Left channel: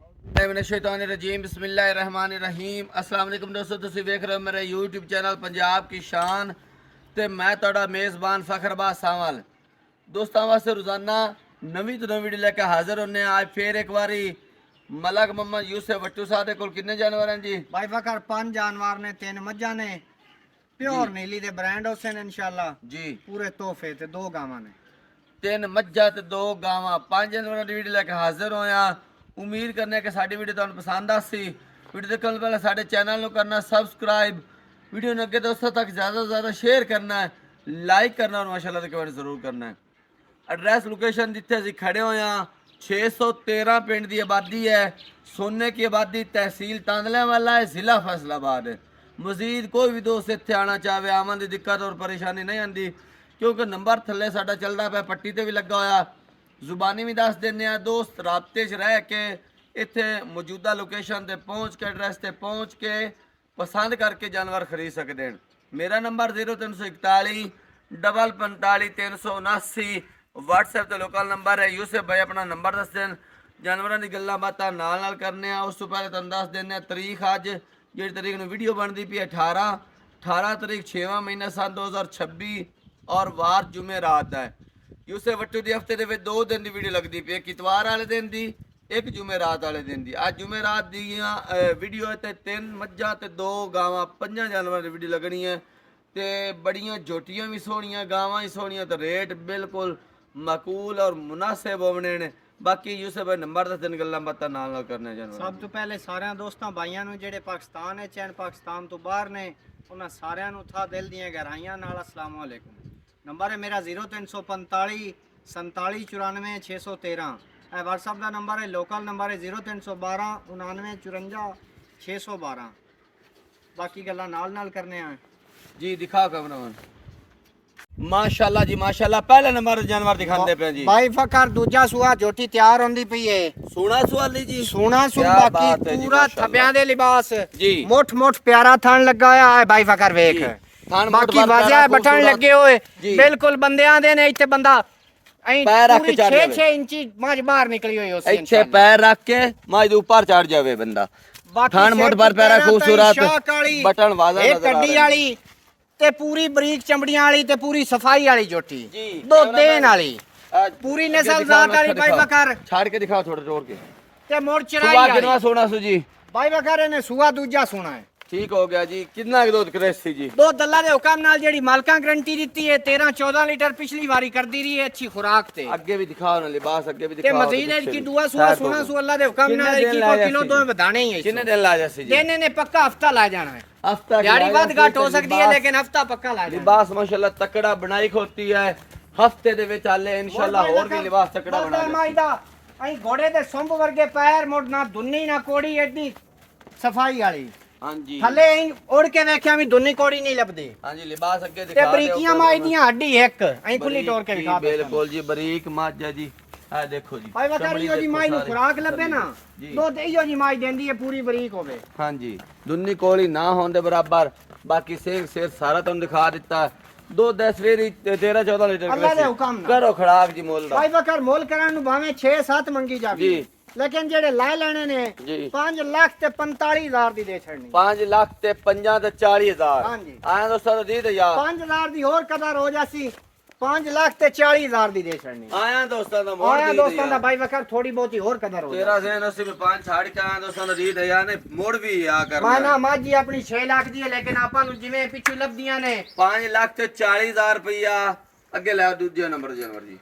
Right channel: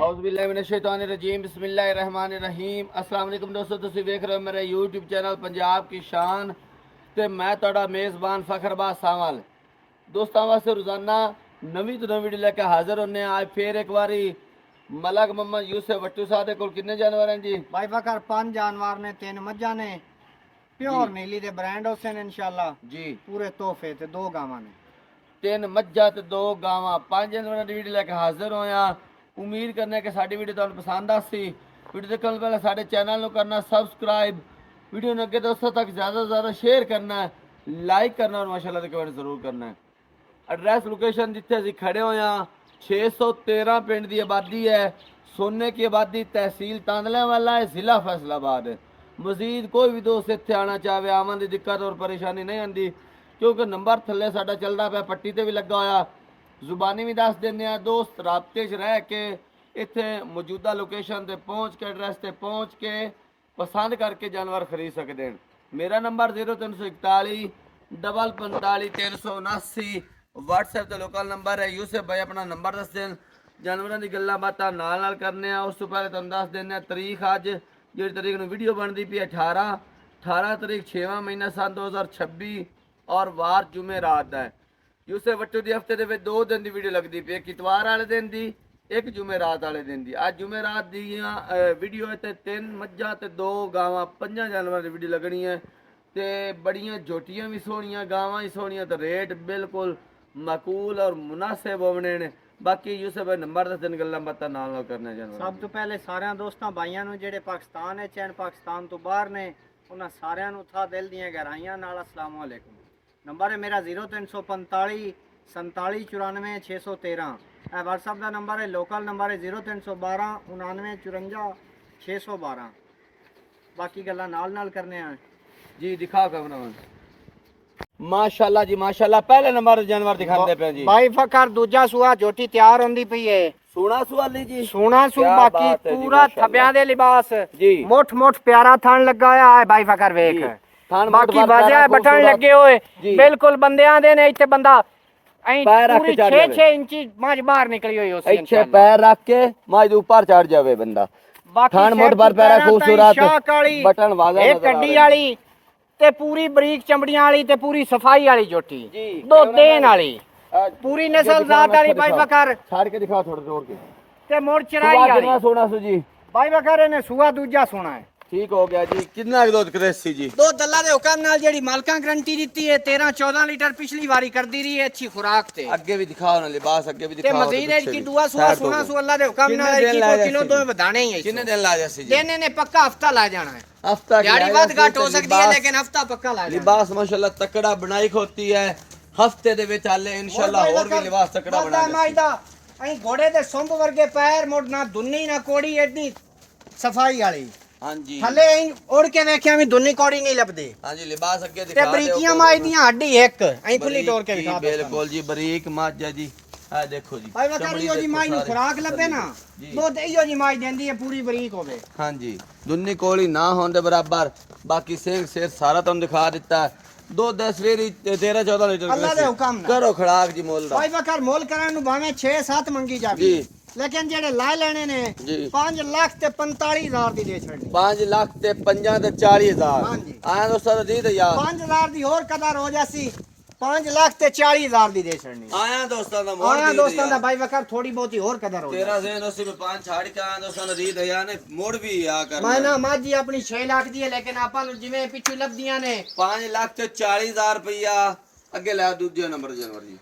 औज़ुबिल्लाहिमिनश्शैतानिर्रजीम बिस्मिल्लाहिर्रहमानिर्रहीम। अस्सलाम वालेकुम दोस्तों, तुसीं वेख रहे हो मेरा यूट्यूब चैनल पंजाब की शान ते मैं तुहाडा मेज़बान फ़खरबाज सावल। दोस्तों वास्ते रोज़ाना नवीं तो नवीं वीडियो लेके हाज़िर होने। आज फिर एक बारी मलक मोहम्मद यूसुफ वट्टू साहब दे कोल कितने जानवर हैं जी? भाई फकर 5 जानवर ने, 3 मज्जा ने, प्योर नीली दे ब्रांड होसे ने इंशाल्लाह जी। पूरे तोहफे ते 2 गावां ने, 3 मज्जा ते 2 गावां, 5 जानवरों की वीडियो लेके हाज़िर होया। उम्मीद करने कि साडी वीडियो तुहानू पसंद आसी। वीडियो देखने पहले साडे चैनल को करना सब्सक्राइब, वीडियो ने अगे दोस्तों तक ज़्यादा से ज़्यादा शेयर करना है, लाइक करना और माशाल्लाह कमेंट जरूर करना है। एड्रैस लोकेशन जिथे असीं खड़े होए हां 613 पिंड की आबादी है। सोने की आबादी तहसील तांदलेवाला है, ज़िला फैसलाबाद है। मजीद कोई भी दोस्त इत्थे आना चाहे आवन की दिक्कत और परेशानी नहीं आती, क्योंकि नंबर थल्ले साडा चलदा पिया, पट्टी ते भी लगा होया, जुबानी भी दस देने दोस्त राबते च रह के इत्थे मौजूदा लोकेशन ते पहुँच के एड्रैस ते पहुँच के पसंद करके जानवर खरीद सकते हैं। मेरा नंबर 0341 45 379 व्हाट्सएप ते लोकल नंबर है। यूसुफ भाई अपना नंबर दस दें, जानवरों की गल्लां बातां नाल करने। उस तो पहले तुहानूं दस देने तरीक अज जी तरीक नूं वीडियो बनती पई 18 तरीक 6वां महीना सन 2026 और वार जुमे रात है। यूसुफ वट्टू दी हफ्ते दे विच 2 दिन की वीडियो लगती पई, एक इतवार वाले दिन की, एक जुमे रात वाले दिन की। अज जुमे रात दी वीडियो ते 3 मज्जां ते 2 गावां 5 जानवरों की वीडियो लगनी है। ते बड़ियां जोटियां भी सोहणियां, गावां भी सोहणियां, तो रेट बिल्कुल माकूल और मुनासिब होने ने। बाकी यूसुफ भाई नंबर दस दिन गल्लां बातां नाल करने जानवर। सब तो पहले सारे दोस्तों भाइयों नूं जेड़े पाकिस्तान है चैन पाकिस्तान तो बाहर ने, उन्हां सारियां नूं था दिल दीयां गहराइयां नाल अस्सलाम वालेकुम। नंबर है मेरा 0345 47 94 613। व्हाट्सअप का नंबर है, लोकल नंबर है 0312 99 54 612। बाकी गल्लां नाल करने हैं जी। दिखा कैमरामैन। माशाल्लाह जी माशाल्लाह, पहले नंबर जानवर दिखाते पे जी। भाई फकर दूजा सुआ झोटी तैयार होंदी पई है। सोना सुआली जी, सोना सु बाकी पूरा थब्यां दे लिबास जी, मोट मोट प्यारा थान लगा होया है। भाई फकर वेख थान मोट बाकी वजह बटन लगे हुए बिल्कुल बंदियां दे ने। इत्थे बंदा पैर रख के चढ़ जावे, 6 इंची मज बाहर निकली हुई उस इत्थे पैर रख के मज दे ऊपर चढ़ जावे बंदा। थान मोट पर पैरा खूबसूरत, बटन वाजा नजर आ कड्डी वाली ते पूरी बरीक चमड़ियां वाली ते पूरी सफाई वाली झोटी, दो देन वाली पूरी नस्ल जात वाली। भाई बकर छाड़ के दिखा थोड़ा जोर के ते मोड़ चराई सुबह कितना सोना सु जी? भाई बकर ने सुआ दूजा सोना है। ठीक हो गया जी। कितना दूध करेसी जी? दो दल्ला दे हुक्म नाल जेडी मालकां गारंटी दी है 13-14 लीटर पिछली बारी कर दी रही है अच्छी खुराक ते। आगे भी दिखाओ ना लिबास, आगे भी ते दिखाओ। मजीद है कि दुआ सुआ सोना सु अल्लाह दे हुक्म नाल 1 किलो दो बधाने ही है। कितने दिन ला जासी जी? देने ने पक्का हफ्ता ला जाना है। हफ्ता यानी बात घाट हो सकती है लेकिन हफ्ता पक्का ला जाना। लिबास माशाल्लाह तकड़ा बनाई होती है। हफ्ते दे विच आले इंशाल्लाह और भी लिबास तकड़ा बना माईदा अई घोड़े दे संभ वर्गे पैर मोड़ ना दुन्नी ना कोड़ी एडी सफाई वाली। हां जी, थले उड़ के देखिया भी दुन्नी कोड़ी नहीं लबदी। हां जी, लिबास अगे दिखा ते दे। बरीकियां माई दियां हड्डी एक अई खुली तोड़ के दिखा दे। बिल्कुल जी, बरीक मज है जी। आ देखो जी, भाई वकरियो जी माई नु खुराक लबे ना दूध इयो जी माई देंदी है पूरी बरीक होवे। हां जी, दुन्नी कोली ना होने दे बराबर। बाकी सेंग शेर सारा तुम दिखा दिता। दो 10 वेरी 13-14 लीटर अल्लाह दे हुक्म ना करो खड़ाक जी मोल दा। भाई वकर मोल करन नु भावे 6-7 मंगी जावी जी, लेकिन जेड़े ला लेने ने 5 लाख ते 45,000 दी दे छड़नी। 5 लाख ते 50 ते 40,000। हां जी, आया दोस्तों तो दी दे यार 5,000 दी और कदर हो जासी, 5 लाख ते 40,000 दी दे छड़नी। आया दोस्तों दा मोड़ आया दोस्तों दा भाई वकर थोड़ी बहुती और कदर हो। 13 से 80 में 5 छाड़ के आया दोस्तों ने दी दे यार ने मोड़ भी आ कर माना माजी अपनी 6 लाख दी है लेकिन आपा नु जिवें पिछू लबदियां ने 5 लाख ते 40,000 रुपया। अगे ला दूजे नंबर जानवर जी,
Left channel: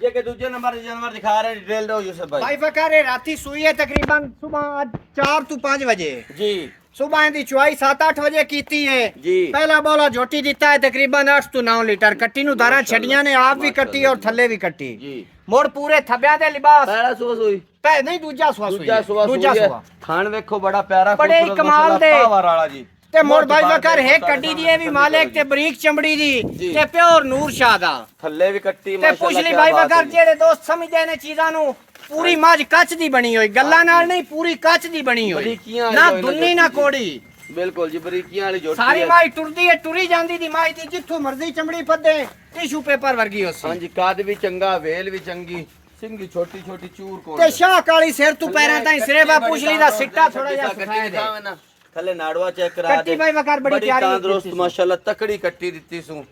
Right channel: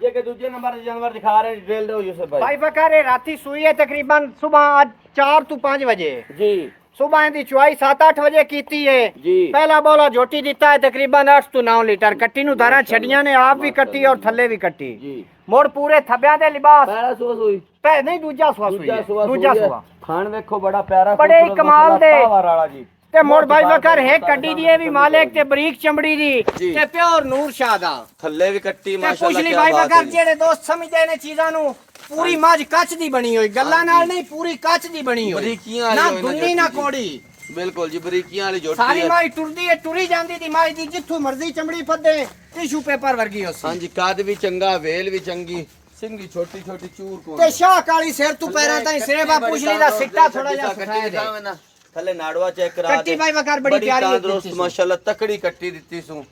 ये के दूजे नंबर जानवर दिखा रहे हैं डिटेल दो यूसुफ भाई। भाई फकर राती सुई है तकरीबन सुबह आज 4 to 5 बजे जी। सुबह दी चुआई 7-8 बजे कीती है जी। पहला बोला झोटी दिता है तकरीबन 8 to 9 लीटर। कट्टी नु दाना छड़ियां ने आप भी कट्टी और थल्ले भी कट्टी जी। मोड़ पूरे थब्या दे लिबास पहला सुबह सुई, पे नहीं दूजा सुआ सुई दूजा सुबह दूजा सुई है। सुआ थान देखो बड़ा प्यारा बड़े खूबसूरत कमाल माशाल्लाह दे। पावर वाला जी। ते मोड़ भाई वकर है कड्डी दी भी मालिक ते बरीक चमड़ी दी जी। ते प्योर नूर शाह दा थल्ले भी कट्टी ते माशाल्लाह। पुछली भाई वकर जेड़े दोस्त समझदे ने चीजां नु पूरी मज कच दी बनी हुई, गल्ला नाल नहीं पूरी कच दी बनी हुई, बरीकियां ना वाली दुन्नी ना कोड़ी। बिल्कुल जी, बरीकियां वाली झोटी सारी है। माई टुरदी है टुरी जांदी दी माई दी जिथों मर्जी चमड़ी पदे टिशू पेपर वर्गी होसी। हां जी, काद भी चंगा, वेल भी चंगी, ਸਿੰਗੀ ਛੋਟੀ ਛੋਟੀ ਚੂਰ ਕੋਲ ਤੇ ਸ਼ਾਹ ਕਾਲੀ ਸਿਰ ਤੂੰ ਪੈਰਾਂ ਤਾਈਂ ਸੇਵਾ ਪੁਛਲੀ ਦਾ ਸਿੱਟਾ ਥੋੜਾ ਜਿਹਾ ਸੁਖਾਏ ਦੇ ਥੱਲੇ ਨਾੜਵਾ ਚੈੱਕ ਕਰਾ ਕੱਟੀ ਭਾਈ ਵਕਾਰ ਬੜੀ ਪਿਆਰੀ ਤੰਦਰੁਸਤ ਮਾਸ਼ਾਅੱਲਾ ਤਕੜੀ ਕੱਟੀ ਦਿੱਤੀ ਸੂ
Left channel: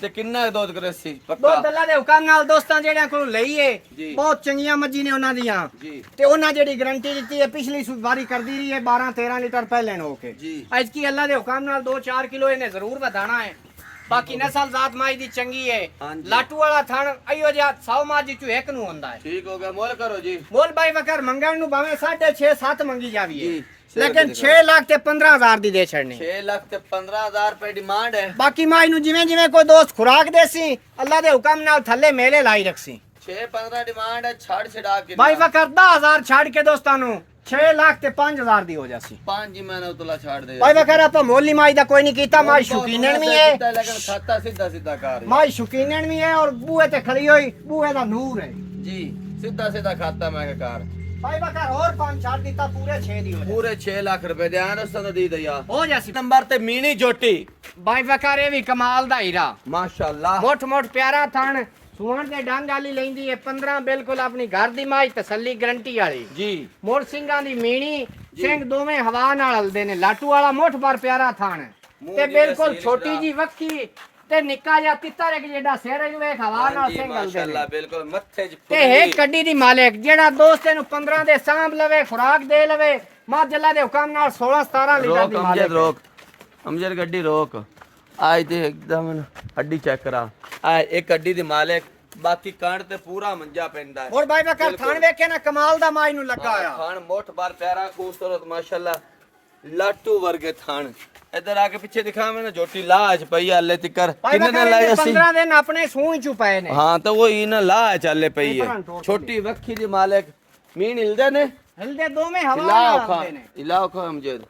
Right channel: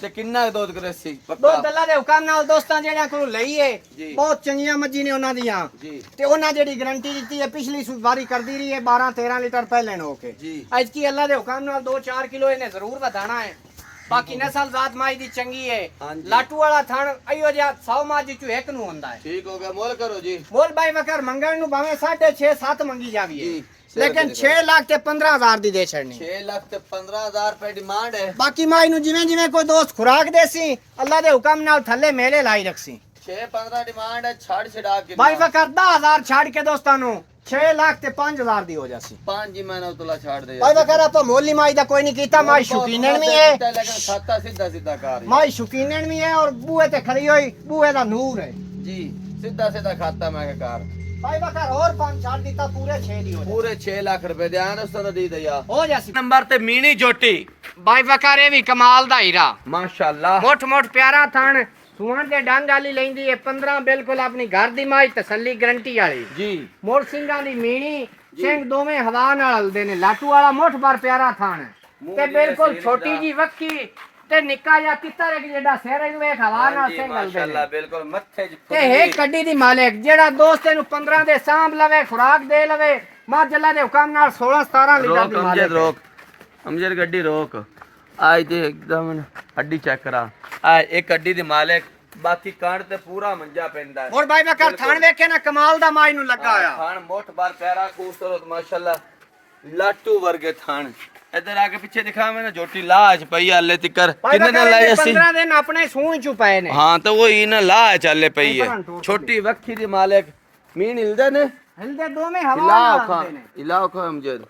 ਤੇ ਕਿੰਨਾ ਦੁੱਧ ਕਰੇ ਸੀ ਦੁੱਧ ਅੱਲਾ ਦੇ ਹੁਕਮ ਨਾਲ ਦੋਸਤਾਂ ਜਿਹੜਿਆਂ ਕੋਲ ਲਈਏ ਬਹੁਤ ਚੰਗੀਆਂ ਮੱਝੀ ਨੇ ਉਹਨਾਂ ਦੀਆਂ ਜੀ ਤੇ ਉਹਨਾਂ ਜਿਹੜੀ ਗਾਰੰਟੀ ਦਿੱਤੀ ਹੈ ਪਿਛਲੀ ਵਾਰੀ ਕਰਦੀ ਰਹੀ ਹੈ 12 13 ਲੀਟਰ ਪਹਿਲੇ ਨੂੰ ਕੇ ਜੀ ਅੱਜ ਕੀ ਅੱਲਾ ਦੇ ਹੁਕਮ ਨਾਲ 2-4 ਕਿਲੋ ਇਹਨੇ ਜ਼ਰੂਰ ਵਧਾਣਾ ਹੈ ਬਾਕੀ ਨਸਲ ਜ਼ਾਤ ਮਾਈ ਦੀ ਚੰਗੀ ਹੈ ਲਾਟੂ ਵਾਲਾ ਥਣ ਅਈਓ ਜਿਹਾ 100 ਮਾਜੀ ਚੋਂ ਇੱਕ ਨੂੰ ਹੁੰਦਾ ਹੈ ਠੀਕ ਹੋ ਗਿਆ ਮੁੱਲ ਕਰੋ ਜੀ ਮੁੱਲ ਭਾਈ ਵਕਾਰ ਮੰਗਣ ਨੂੰ ਭਾਵੇਂ 6.5 7 ਮੰਗੀ ਜਾਵੀਏ लेकिन 6 लाख ते 15,000 दी दे छड़नी 6 लाख ते 15,000 रुपए डिमांड है बाकी माई नु जिवें जिवें कोई दोस्त खुराक देसी अल्लाह दे हुक्म नाल थल्ले मेले लाई रखसी 6-15 डिमांड है छाड़ छड़ा के भाई वकर 10,000 छाड़ के दोस्तां नु 6 लाख ते 5,000 दी हो जासी 5 जी मैंने उतला छाड़ दे भाई वकर आपा मोली माई दा कोई नहीं कीता माई शौकीनन भी है लेकिन खाता सीधा सीधा कार माई शौकीनन भी है और बूहे ते खड़ी हुई बूहे दा नूर है जी सीधा सीधा खाता मैं कार भाई वकर और 5 छाड़ दीता पूरे 6 दी हो पूरे 6 लाख रुपए दे आन उस दी दिया हो जासी नंबर ते मीनी जोटी भाई वकर ये भी कमाल दा हीरा माशाल्लाह मोट मोट प्यारा थान सुवण के डंग वाली लेंदी है 15 बिल्कुल अपनी घर दी माई तसल्ली गारंटी वाली जी मोर ਸਿੰਘਾਂ ਦੀ ਮੀਣੀ ਸਿੰਘ ਦੋਵੇਂ ਹਵਾ ਨਾਲ ਹਲਦੇ ਨੇ ਲਾਟੂ ਵਾਲਾ ਮੁੱਠ ਬਾਰ ਪਿਆਰਾ ਥਾਣ ਤੇ ਬਿਲਕੁਲ ਛੋਟੀ ਜੀ ਵੱਖੀ ਤੇ ਨਿੱਕਾ ਜਿਹਾ ਤਿੱਤਰ ਇੱਕ ਜਿਹੜਾ ਸਿਰ ਨੂੰ ਵੇਖ ਹਵਾ ਨਾਲ ਸਿੰਘ ਹਲਦੇ ਮਾਸ਼ਾਅੱਲਾ ਨੇ ਬਿਲਕੁਲ ਮੱਥੇ ਚ ਤੇ ਇਹ ਕੱਡੀ ਦੀ ਮਾਲਕ ਜਿਹੜਾ ਦੋਸਤ ਇਹਨੂੰ 15 ਦੇ ਸਾਂਭ ਲਵੇ ਖੁਰਾਕ ਦੇ ਲਵੇ ਮਾਜੱਲਾ ਦੇ ਹੁਕਮ ਨਾਲ 16 17 ਲੀਟਰ ਦੀ ਮਾਲਕ रोक अमजद गड्डी रोक आज ते एकदम हड्डी चेक करा आ एक गड्डी दी मालिक बाकी कांड ते पूरा मंजा पैंदा है और भाई बकर थान ਵੇਖੇ ਨਾ ਕਮਾਲ ਦਾ ਮਾਈ ਨੂੰ ਲੱਗਾ ਆ थान मोठ बार प्यारा खूबसूरत माशाल्लाह लाटू वर्गे थान इधर आके पीछे दिखा मैंने झोटी लाज पई हले तिकर कितने दिन लाए जसी 15 दिन अपने सूई चु पए ने हां तो वो ही ना लाज चले पई है छोटी वक्खी दी मालिक मीन हिलदे ने ਹਲਦੇ ਦੋਵੇਂ ਹਵਾ ਨਾਲ ਹਲਦੇ ਨੇ इलाका अमजद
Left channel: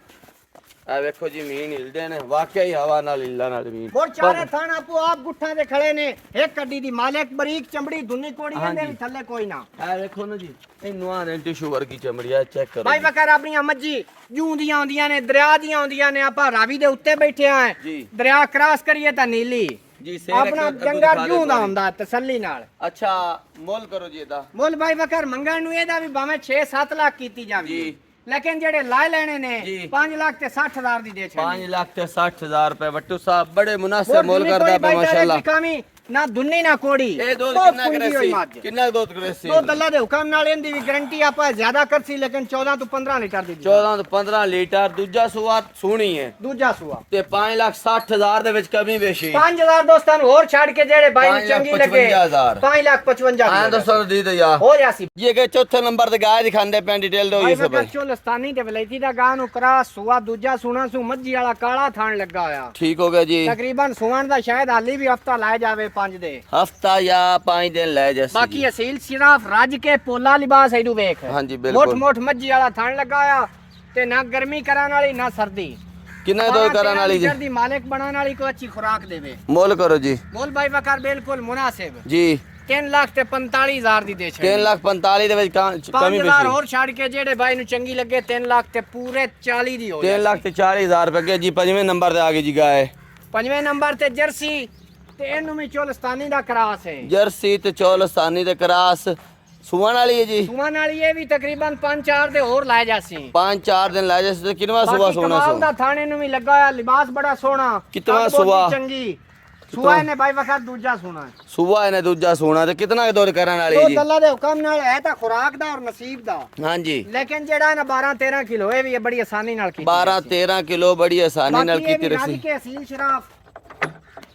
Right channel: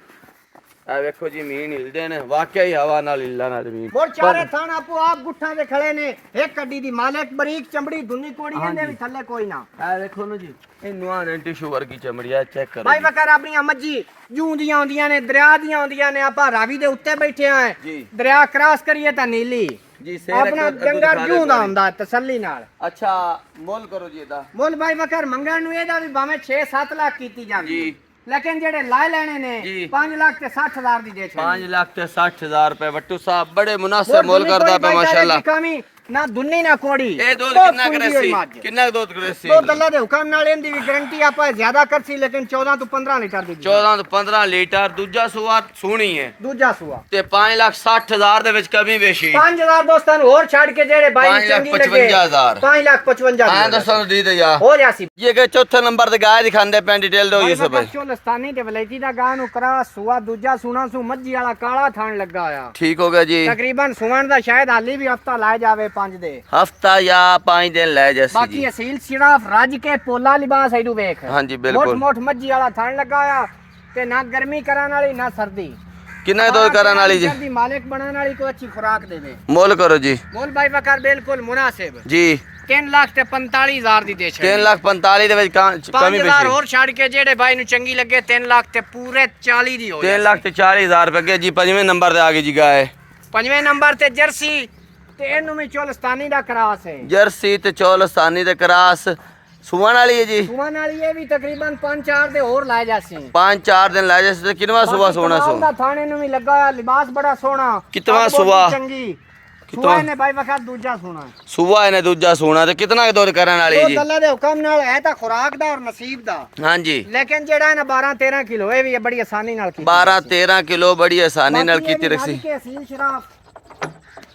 आ देखो जी मीन हिलदे ने वाकई हवा नाल हिलना नाल मीन ਹੋਰ ਚਾਰੇ ਥਾਣ ਆਪੋ ਆਪ ਗੁੱਠਾਂ ਦੇ ਖੜੇ ਨੇ ਇੱਕ ਕੱਡੀ ਦੀ ਮਾਲਕ ਬਰੀਕ ਚਮੜੀ ਦੁੰਨੀ ਕੋੜੀ ਇਹਦੇ ਵੀ ਥੱਲੇ ਕੋਈ ਨਾ ਆ ਦੇਖੋ ਨਾ ਜੀ ਇਹ ਨਵਾਂ ਟਿਸ਼ੂ ਵਰਗੀ ਚਮੜੀ ਆ ਚੈੱਕ ਕਰੋ ਭਾਈ ਵਕਾਰ ਆਪਣੀਆਂ ਮੱਝੀ ਜੂੰ ਦੀਆਂ ਆਉਂਦੀਆਂ ਨੇ ਦਰਿਆ ਦੀਆਂ ਆਉਂਦੀਆਂ ਨੇ ਆਪਾਂ ਰਾਵੀ ਦੇ ਉੱਤੇ ਬੈਠੇ ਆਂ ਜੀ ਦਰਿਆ ਕ੍ਰਾਸ ਕਰੀਏ ਤਾਂ ਨੀਲੀ ਜੀ ਆਪਣਾ ਜੰਗਰ ਜੂੰ ਦਾ ਹੁੰਦਾ ਤਸੱਲੀ ਨਾਲ ਅੱਛਾ ਮੁੱਲ ਕਰੋ ਜੀ ਇਹਦਾ ਮੁੱਲ ਭਾਈ ਵਕਾਰ ਮੰਗਣ ਨੂੰ ਇਹਦਾ ਵੀ ਭਾਵੇਂ 6-7 ਲੱਖ ਕੀਤੀ ਜਾਂਦੀ ਜੀ ਲੇਕਿਨ ਜਿਹੜੇ ਲਾਏ ਲੈਣੇ ਨੇ ਜੀ। 5 ਲੱਖ ਤੇ 60,000 ਦੀ ਦੇ ਛੱਡੀ 5 ਲੱਖ ਤੇ 60,000 ਰੁਪਏ ਵੱਟੂ ਸਾਹਿਬ ਬੜੇ ਮੁਨਾਸਿਬ ਮੁੱਲ ਕਰਦਾ ਪਿਆ ਮਾਸ਼ਾਅੱਲਾ ਨਾ ਦੁੰਨੀ ਨਾ ਕੋੜੀ ਇਹ ਦੁੱਧ ਬਹੁਤ ਕਿੰਨਾ ਪੂੰਜੀ ਹੋਈ ਕਰੇਸੀ ਮੱਝ। ਕਿੰਨਾ ਦੁੱਧ ਕਰੇਸੀ ਦੁੱਧ ਅੱਲਾ ਦੇ ਹੁਕਮ ਨਾਲ ਇਹਦੀ ਵੀ ਗਾਰੰਟੀ ਆਪਾਂ ਜ਼ਿਆਦਾ ਕਰਸੀ ਲੇਕਿਨ 14 ਤੋਂ 15 ਲੀਟਰ ਦੀ 14 ਤੋਂ 15 ਲੀਟਰ ਦੂਜਾ ਸੂਆ ਸੋਹਣੀ ਹੈ ਦੂਜਾ ਸੂਆ ਤੇ 5,60,000 ਦੇ ਵਿੱਚ ਕਮੀ ਵੇਸ਼ੀ 5,000 ਦੋਸਤਾਂ ਨੂੰ ਹੋਰ ਛੱਡ ਕੇ ਜਿਹੜੇ ਬਾਈ ਨੂੰ ਚੰਗੀ ਲੱਗੇ 5,55,000 5,55,000 ਐਂ ਦੱਸੋ ਦੀ ਦੇ ਜਾ ਹੋ ਜਾਸੀ ਇਹ ਕਿ ਚੌਥੇ ਨੰਬਰ ਤੇ ਗਾਇ ਦਿਖਾਉਂਦੇ ਪੈਂ ਡਿਟੇਲ ਦਿਓ ਇਸ ਭਾਈ ਚੋਲਸਤਾਨੀ ਤੇ ਵਲੈਤੀ ਦਾ ਗਾਂ ਨੂੰ ਕਰਾ ਸੂਆ ਦੂਜਾ ਸੂਣਾ ਸੂ ਮੱਝੀ ਵਾਲਾ ਕਾਲਾ ਥਾਣ ਲੱਗਾ ਆ ਠੀਕ ਹੋ ਗਿਆ ਜੀ ਤਕਰੀਬਨ ਸੂਣ ਦਾ ਸ਼ਾਇਦ ਹਾਲੀ ਵੀ ਹਫਤਾ ਲਾ ਜਾਵੇ 5 ਦੇ ਹਫਤਾ ਜਾਂ 5 ਦਿਨ ਲੈ ਜੈਸੀ ਬਾਕੀ ਅਸੀਲ ਸਿਰਫ ਰੱਜ ਕੇ ਪੋਲਾ ਲਿਬਾਸ ਇਹਨੂੰ ਵੇਖ ਹਾਂਜੀ ਮੋਟ ਬਿਲਕੁਲ ਮੋਟ ਮੱਝੀ ਵਾਲਾ ਥਣ ਲੱਗਾ ਆ ਤੇ ਨਾ ਗਰਮੀ ਕਰਾਣ ਵਾਲੀ ਨਾ ਸਰਦੀ ਕਿੰਨਾ ਦੋ ਕਰਨ ਵਾਲੀ ਜੀ ਦੀ ਮਾਲਕ ਬਣਾਉਣ ਵਾਲੀ ਕੋਈ ਅੱਛੀ ਖੁਰਾਕ ਦੇਵੇ ਮੁੱਲ ਕਰੋ ਜੀ ਮੋਲ ਭਾਈ ਵਕਾਰ ਬਿਲਕੁਲ ਮੁਨਾਸਿਬ ਜੀ 3 ਲੱਖ ਤੇ 45,000 ਦੀ ਦੇ ਛੱਡ 3,45,000 ਦੇ ਵਿੱਚ ਕਮੀ 5,000 ਪੇਸ਼ੀ ਹੋਰ ਛੱਡ ਕੇ ਜਿਹੜੇ ਭਾਈ ਨੂੰ ਚੰਗੀ ਲੱਗੇ 3 ਲੱਖ ਤੇ ਪੂਰੇ 40 ਦੀ ਹੋ 3,40,000 ਰੁਪਏ ਜੀ ਪੰਜਵੇਂ ਨੰਬਰ ਤੇ ਆ ਗਈ ਜੀ ਗਾਇ ਪੰਜਵੇਂ ਨੰਬਰ ਤੇ ਜਰਸੀ ਤੇ ਇਹਨੂੰ ਵੀ ਚੋਲਸਤਾਨੀ ਦਾ ਕਰਾਸ ਹੈ ਜਰਸੀ ਤੇ ਚੌਲਸਤਾਨੀ ਦੇ ਕਰਾਸ ਸੁਵਣ ਵਾਲੀ ਹੈ ਜੀ ਸੁਮਨ ਵਾਲੀ ਇਹ ਵੀ ਤਕਰੀਬਨ 5-4 ਦੇ ਹੋਰ ਲਾਏ ਜਾਸੀ 5-4 ਦਿਨ ਲੈ ਜੈਸੇ ਕਿੰਨਵਾ ਸੁਬਾ ਸੋਣਾ ਸੋ ਦਾ ਥਾਣੇ ਨੂੰ ਵੀ ਲੱਗਾ ਹੋਇਆ ਲਿਬਾਸ ਬੜਾ ਸੋਹਣਾ ਕਿਤਵਾ ਅੱਗ ਬਹੁਤ ਸੁਬਾ ਚੰਗੀ ਸੁਆ ਨੇ ਭਾਈ ਵਕਤ ਦੂਜਾ ਸੋਹਣਾ ਸੁਬਾ ਇਹਨੇ ਦੂਜਾ ਸੋਣਾ ਤੇ ਕਿਤਨਾ ਕੁ ਦੌਰ ਕਰਨ ਵਾਲੀ ਉਹ ਜੀ ਅੱਲਾ ਦੇ ਹੁਕਮ ਨਾਲ ਹੈ ਤਾਂ ਖੁਰਾਕ ਦਾ ਔਰ ਨਸੀਬ ਦਾ ਹਾਂਜੀ ਲੇਕਿਨ ਜਿਹੜਾ ਇਹਨਾਂ 12-13 ਕਿਲੋ ਇਹ ਵੀ ਬੜੀ ਆਸਾਨੀ ਨਾਲ ਕੀਤੀ 12-13 ਕਿਲੋ ਬੜੀ ਆਸਾਨੀ ਨਾਲ ਕੀਤੀ ਰਖੀ ਕੇ ਅਸੀਲ ਸ਼ਰਾਫ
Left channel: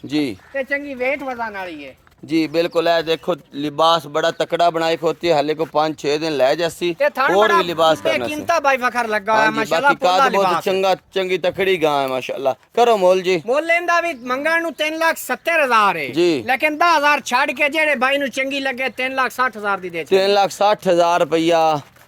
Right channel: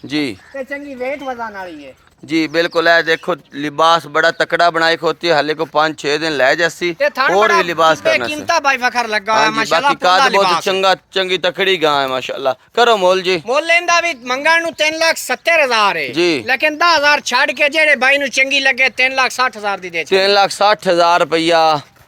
जी ਤੇ ਚੰਗੀ ਵੇਟ ਵਜ਼ਾਨ ਵਾਲੀ ਹੈ जी बिल्कुल है देखो लिबास बड़ा तकड़ा बनाई होती है हले को 5-6 दिन ले जैसी और भी लिबास करना से कीमता भाई फखर लगा हाँ है जी माशाल्लाह बाकी काद बहुत चंगा चंगी तकड़ी गां है माशाल्लाह करो मोल जी मोल लेंदा भी मंगण नु 3,70,000 है जी लेकिन 10,000 छाड़ के जेड़े भाई नु चंगी लगे 3,60,000 दी दे 3,60,000 रुपया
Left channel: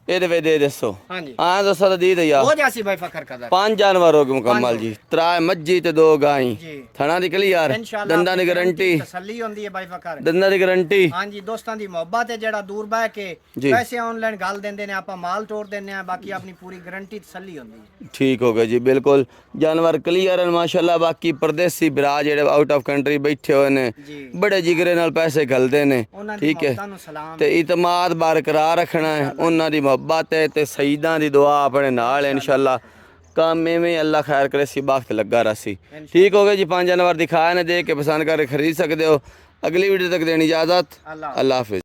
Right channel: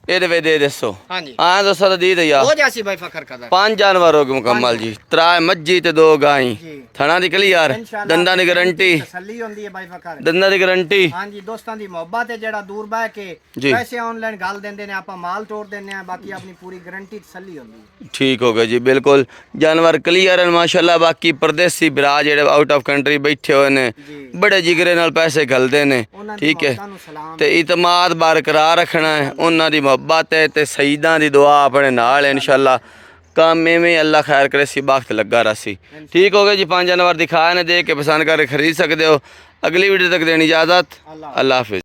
ਇਹਦੇ ਵਿੱਚ ਦੇ ਦੱਸੋ ਹਾਂਜੀ ਹਾਂ ਦੋਸਤਾਂ ਦਾ ਦੀ ਦਈਆ ਹੋ ਜਾਸੀ ਭਾਈ ਫਖਰ ਕਦਰ 5 ਜਾਨਵਰ ਹੋ ਗਏ ਮੁਕੰਮਲ ਜੀ 3 ਮੱਝੀ ਤੇ 2 ਗਾਈ ਜੀ ਥਣਾ ਦੀ ਕਲੀਅਰ इंशाल्लाह ਦੰਦਾਂ ਦੀ ਗਾਰੰਟੀ ਤਸੱਲੀ ਹੁੰਦੀ ਹੈ ਭਾਈ ਫਖਰ ਦੰਦਾਂ ਦੀ ਗਾਰੰਟੀ ਹਾਂਜੀ ਦੋਸਤਾਂ ਦੀ ਮੁਹੱਬਤ ਹੈ ਜਿਹੜਾ ਦੂਰ ਬਹਿ ਕੇ ਜੀ। ਪੈਸੇ ਆਨਲਾਈਨ ਗੱਲ ਦਿੰਦੇ ਨੇ ਆਪਾਂ ਮਾਲ ਤੋੜ ਦਿੰਦੇ ਆ ਬਾਕੀ ਆਪਣੀ ਪੂਰੀ ਗਾਰੰਟੀ ਤਸੱਲੀ ਹੁੰਦੀ ਹੈ ਠੀਕ ਹੋ ਗਿਆ ਜੀ ਬਿਲਕੁਲ ਜਾਨਵਰ ਕਲੀਅਰ ਹਨ ਮਾਸ਼ਾਅੱਲਾ ਬਾਕੀ ਪਰਦੇਸੀ ਭਰਾ ਜਿਹੜੇ ਆਊਟ ਆਫ ਕੰਟਰੀ ਬੈਠੇ ਹੋਏ ਨੇ ਜੀ ਬੜੇ ਜਿਗਰੇ ਨਾਲ ਪੈਸੇ ਘਲਦੇ ਨੇ ਉਹਨਾਂ ਦੀ ਠੀਕ ਹੈ ਮੁਹੱਬਤਾਂ ਨੂੰ ਸਲਾਮ ਤੇ ਇਤਮਾਦ ਬਰਕਰਾਰ ਰੱਖਣਾ ਹੈ ਉਹਨਾਂ ਦੀ ਮੁਹੱਬਤ ਹੈ ਤੇ ਸਈਦਾਂ ਦੀ ਦੁਆ ਆਪਣੇ ਨਾਲ ਹੈ ਇਨਸ਼ਾਅੱਲਾ ਕੰਮ ਐਵੇਂ ਅੱਲਾ ਖੈਰ ਕਰੇ ਸੀ ਵਕਤ ਲੱਗਾ ਰਸੀ ਠੀਕ ਹੋ ਗਿਆ ਜੀ 5 ਜਾਨਵਰ ਦਿਖਾਏ ਨੇ ਦੇਖ ਕੇ ਪਸੰਦ ਕਰਕੇ ਖਰੀਦ ਸਕਦੇ ਹੋ ਅਗਲੀ ਵੀਡੀਓ ਤੱਕ ਦੇਣੀ ਇਜਾਜ਼ਤ ਅੱਲਾ ਅੱਲਾ ਹਾਫਿਜ਼